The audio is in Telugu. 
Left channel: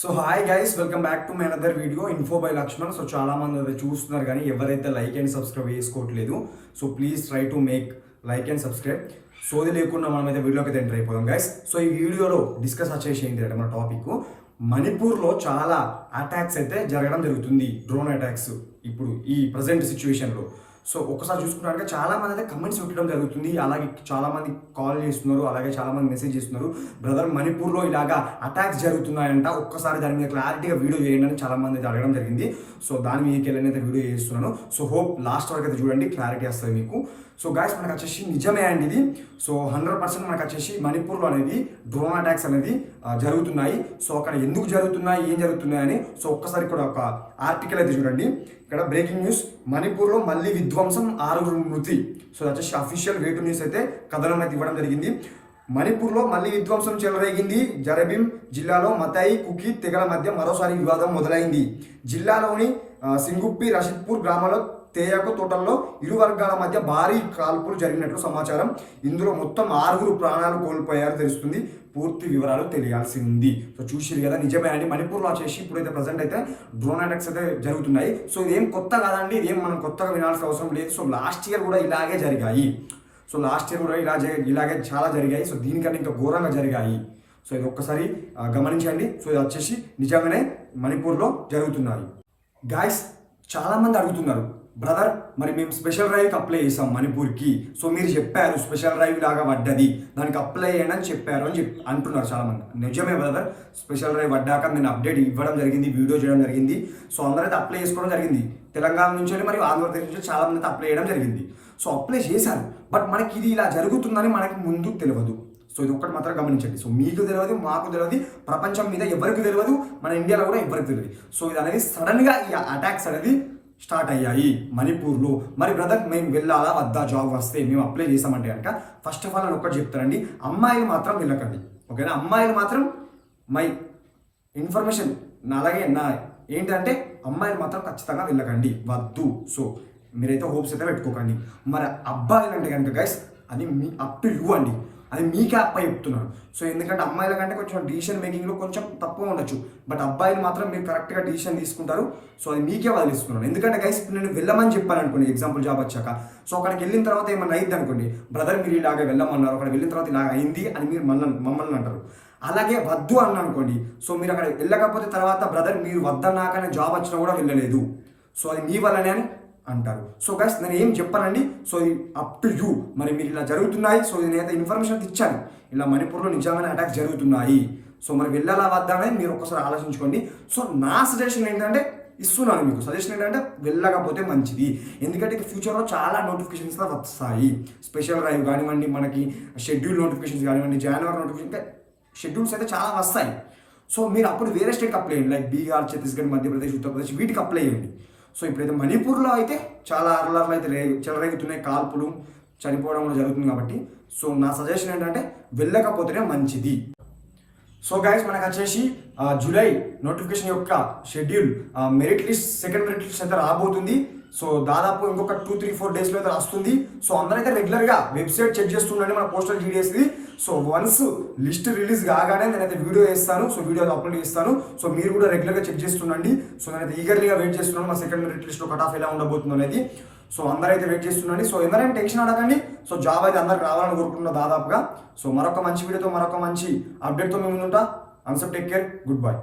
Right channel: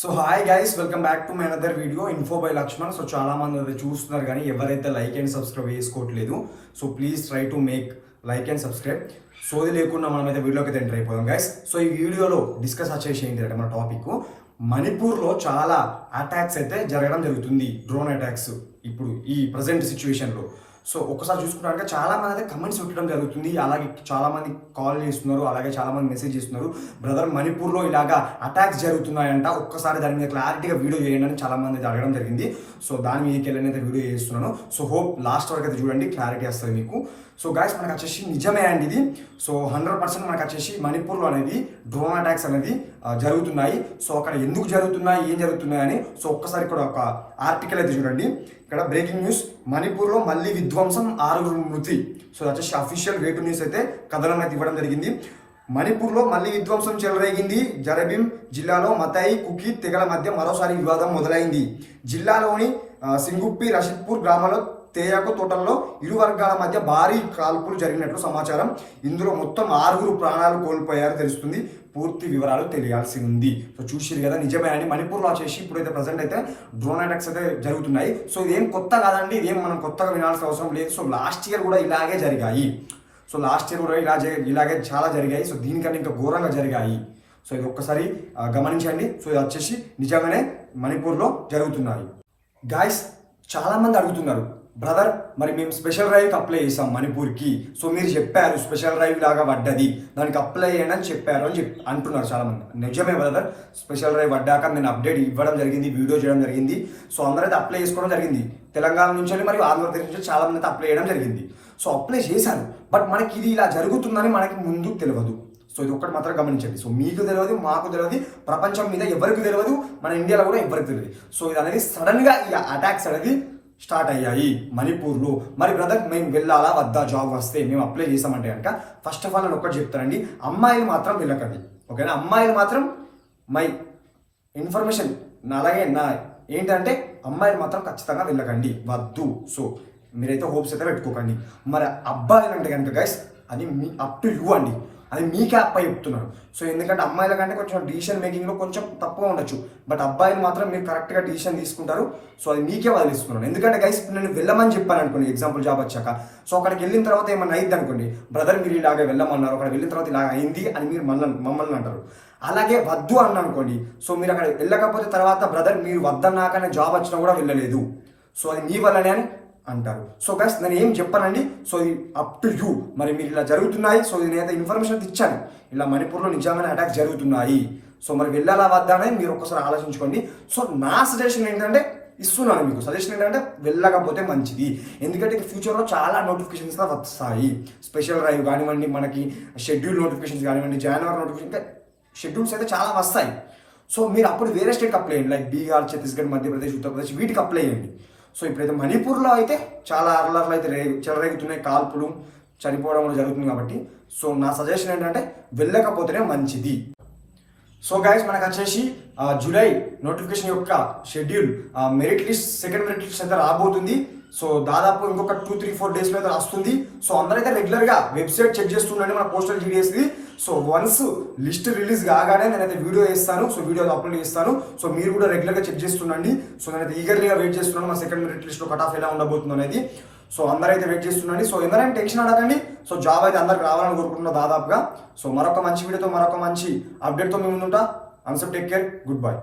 So hi guys, welcome back to my another video info by Lakshman. So చాలా మంది అది చూస్తున్నారు కానీ ఎవరైతే లైక్ అండ్ సబ్స్క్రైబ్ చేసుకోవట్లేదు. So please try to make like and subscribe. సోది లేకుండా మనం అయితే వీడియోకి అయితే ఎంటర్ అయిపోదాం గైస్. సో ఈ వీడియోలో డిస్కస్ వచ్చేసి ఏంటి అంటే మన టాపిక్ మణిపూర్లో చాలా అటాక్స్ అయితే జరగడం జరుగుతుంది, డ్రోన్ అటాక్స్ ఇప్పుడు ఈ ప్రజెంట్ సిచ్యువేషన్లో. సో ఒక్కసారి చూసుకున్నారంటే చాలా మంది అయితే కమెంట్స్ పెట్టడం జరుగుతుంది, అలాగే చాలా మంది కాల్ చేస్తున్నారు, అలాగే చాలా మంది మెసేజ్ చేస్తున్నారు, బ్రదర్ మణిపూర్లో ఇలాగా అటాక్స్ జరుగుతున్నాయంట, ఒక్కసారి దాని మీద క్లారిటీగా వీడియో చేయండి అని చాలా మంది అయితే అడగడం జరిగింది. సో దాని మీదకి వెళ్ళి అయితే వీడియో చేస్తున్నాను. సో హోప్ లాస్ట్ వరకు అయితే చూడండి, క్లారిటీ వస్తుంది మీకు. సో గాయస్ మనకు వచ్చేసి నిజమే అండి ఇది. సో 100% మనకు వచ్చేసి మణిపూర్లో అనేది డ్రోన్ అటాక్స్ అనేది జరుగుతున్నాయి. సో అక్కడ ఎందుకు జరుగుతున్నాయి, ఏం జరుగుతున్నాయి అని సో ఒక్కసారి ఇక్కడ ఒక ఆర్టికల్ అయితే చూడండి. ఇక్కడ బ్రేకింగ్ న్యూస్, మణిపూర్లో మళ్ళీ విధ్వంసం, 6 మృతి. సో వచ్చేసి అఫీషియల్ వే టు న్యూస్ అయితే కథనం అయితే ఇవ్వడం జరిగింది. మణిపూర్లో మళ్ళీ విధ్వంసం చెలరేగింది. జరబిం జిల్లాలో మతాయి కుకీ తెగల మధ్య మరోసారి వివాదం మొదలైంది. జిల్లాలోని సింగుప్పి రషీద్పూర్ గ్రామంలో తేయాకు తోటల్లో ఇరు వర్గాల మధ్య భారీ కాల్పులు జరిగినట్లు సమాచారం. ఇందులో మొత్తం 6 ప్రాణాలు కోల్పోయారు తెలుస్తుంది. పూర్తి వివరాలు తెలియాల్సి ఉంది. సో చూసిరు కదా, నిజమే అండి. మణిపూర్లో వచ్చేసి ఇప్పుడైతే ప్రజెంట్ అయితే డ్రోన్ అటాక్స్ అయితే జరుగుతున్నాయి. సో ఇదేం కొత్త కాదండి, ఇదేం మనం కొత్తగా వినాల్సిన అవసరం లేదు. సో లాస్ట్ ఇయర్ కూడా ఇలాగే జరిగాయి. సో లాస్ట్ ఇయర్ కూడా ఇలాగే చాలా జరిగాయి. సో దీనికన్నా ఇంకా ఘోరంగా జరిగాయి. సో ఇది ఒక్కసారి గమనించండి. సో ఇది వచ్చేసి నిజంగానే మణిపూర్లో జరుగుతున్నాయి. గాయస్ చాలా మంది అడుగుతున్నారు, బ్రదర్ మరి మేము స్పెషల్ డ్రైవ్కి అప్లై చేసాం మణిపూర్కి. సో మీరు చెప్పారు స్పెషల్ డ్రైవ్ లాగా పడ్డది, దానికి అప్లై చేయండి అని చెప్పారు అని అంటున్నారు చాలామంది. నిజమే బ్రదర్, స్పెషల్ డ్రైవ్ పడ్డాక నేను అప్డేట్ ఇవ్వడం జరిగింది, వీడియో చేయడం జరిగింది. సో అందరైతే అప్లై చేసుకోవడం జరిగింది. తెలంగాణ నుంచి మరియు ఆంధ్రప్రదేశ్ నుంచి చాలా మంది అయితే అప్లై చేయడం జరిగింది. సో అప్లై చేశారు, బట్ మనకి ఇది ఇలా జరుగుతుందని మనకి ముందు తెలియదు. సో ఇది ఒక్కటి మాత్రం గమనించండి. సో మీకు తెలియదు, మాకు తెలియదు, ప్రపంచం మీద ఎవరికి తెలియదు, మన ఇండియాలో కూడా ఎవరికి తెలియదు. సో ఇది అనేది సడన్గా ఈ అటాక్స్ అనేది స్టార్ట్ అయ్యాయి మణిపూర్లో. మరి బ్రదర్ మేము వెళ్ళాలా వద్దా, జాబ్ వస్తే మేము అప్లై చేసామంటే కనుక ఫస్ట్ ఆఫ్ ఆల్ నేను ఒక్కటి చెప్తానండి, అమ్మాయిలు మాత్రం వెళ్ళకండి, ఓకేనా? అమ్మాయిలు మాత్రం మై ఇన్ఫర్మేషన్ అలాగే నా ఏంటంటే అమ్మాయిలు మాత్రం ఖచ్చితంగా వెళ్ళకండి, వద్దు. సో మీరైతే హోప్స్ అయితే పెట్టుకోకండి. మరి అబ్బాయిలు అంటే కనుక గైస్ అది మీ అప్ టు యూ అండి, అది మీకే అప్ప చెప్తున్నాను. సో ఎందుకంటే అమ్మాయిల కంటే కొంచెం డిసిషన్ మేకింగ్లో కొంచెం తక్కువ ఉండొచ్చు, బట్ అబ్బాయిలు మాత్రం మీరు కరెక్ట్గా డిసిషన్ తీసుకుంటారు. సో అది మీకే వదిలిస్తున్నాను. ఎందుకంటే గైస్ నేను వెళ్ళమని చెప్పాను అనుకోండి, ఎగ్జాంపుల్ జాబ్ వచ్చాక. సో అక్కడికి వెళ్ళిన తర్వాత ఏమన్నా అయింది అనుకోండి, బ్రదర్ మీరు ఇలాగే వెళ్ళమన్నారు, అక్కడ వెళ్ళిన తర్వాత ఇలా అయింది అని మీరు మమ్మల్ని అంటారు. అలాగే వద్దు అన్న అనుకోండి, సో మీరు అక్కడ వెళ్ళకపోతే తర్వాత బ్రదర్ మీరు వద్దన్నాకనే జాబ్ వచ్చినా కూడా వెళ్ళలేదు, సో అది మీ వల్లనే అని అంటారు. సో గైస్ నేను ఏం చెప్పానండి, సో ఇది అప్ టు యూ. మరి మీరు ఇలా జరుగుతున్నాయి, సో నేనైతే ఇన్ఫర్మేషన్ ఇచ్చాను, ఇలా మణిపూర్లో నిజంగానే అటాక్స్ జరుగుతున్నాయి. సో మరి వెళ్ళాలా వద్దా అనేది మీరు ఒక్కసారి ఆలోచించుకోండి. సో నా సజెషన్ ఏంటంటే ఇస్తున్నాను మీకు, సజెషన్ ఏంటంటే వెళ్ళకపోతే మంచిది. ఎందుకంటే ఫ్యూచర్లో చాలా నోటిఫికేషన్స్ వస్తాయి, స్పెషల్ డ్రైవ్ కానివ్వండి, మనకి షెడ్యూల్ నోటిఫికేషన్స్ కానివ్వండి, జనవరి నోటిఫికేషన్, ఇంకా షెడ్యూల్స్ అయితే చాలా వస్తాయి. సో మీరు అప్పుడు వేరే స్టేట్కి అప్లై చేయండి, లైక్ బీహార్, ఛత్తీస్గఢ్, మధ్యప్రదేశ్, ఉత్తరప్రదేశ్, వీటికి అప్లై చేయండి. సో ఇప్పుడైతే మణిపూర్లో అయితే చాలా అరలర్లు అయితే చెలరేగుతున్నాయి, కాల్పులు, చనిపోవడం కూడా జరుగుతుంది. కాబట్టి సో నా సజెషన్ ఏంటంటే వెళ్ళకపోతేనే మంచిది. సో గైస్ మనకు వచ్చేసి జూలై నోటిఫికేషన్ యొక్క schedule, merit list, second merit list అయితే రాబోతుంది. సో దాదాపు ఇంకొక 2-3-4 డేస్లో అయితే వస్తుంది. సో అందరైతే రెగ్యులర్గా వెబ్సైట్ చెక్ చేస్తుండండి మన పోస్టల్ జీడిఎస్ది. సో వన్స్ లిస్ట్ రిలీజ్ కాగానే నేనైతే వీడియో చేస్తాను, సో వీడియో అప్లోడ్ చేస్తాను. సో మీరు కూడా రెగ్యులర్గా చెక్ చేస్తుండండి. సో నేనైతే ఈగర్లీగా వెయిట్ చేస్తున్నాను మన సెకండ్ మెరిట్ లిస్ట్లో కట్ ఆఫ్ ఎలా ఉండబోతుందో అనేది. సో అందరైతే వెయిట్ చేస్తుండండి. సో ఎందరైనా టెన్షన్ అడగండి. సో జాబ్ అయితే అందరికి రావాలని కోరుకుంటున్నా దాదాపుగా. సో మరొక మంచి వీడియోతో, మరొక మంచి అప్డేట్తో మేము ముందుంటా. అన్సెప్ టేక్ కేర్, గుడ్ బై.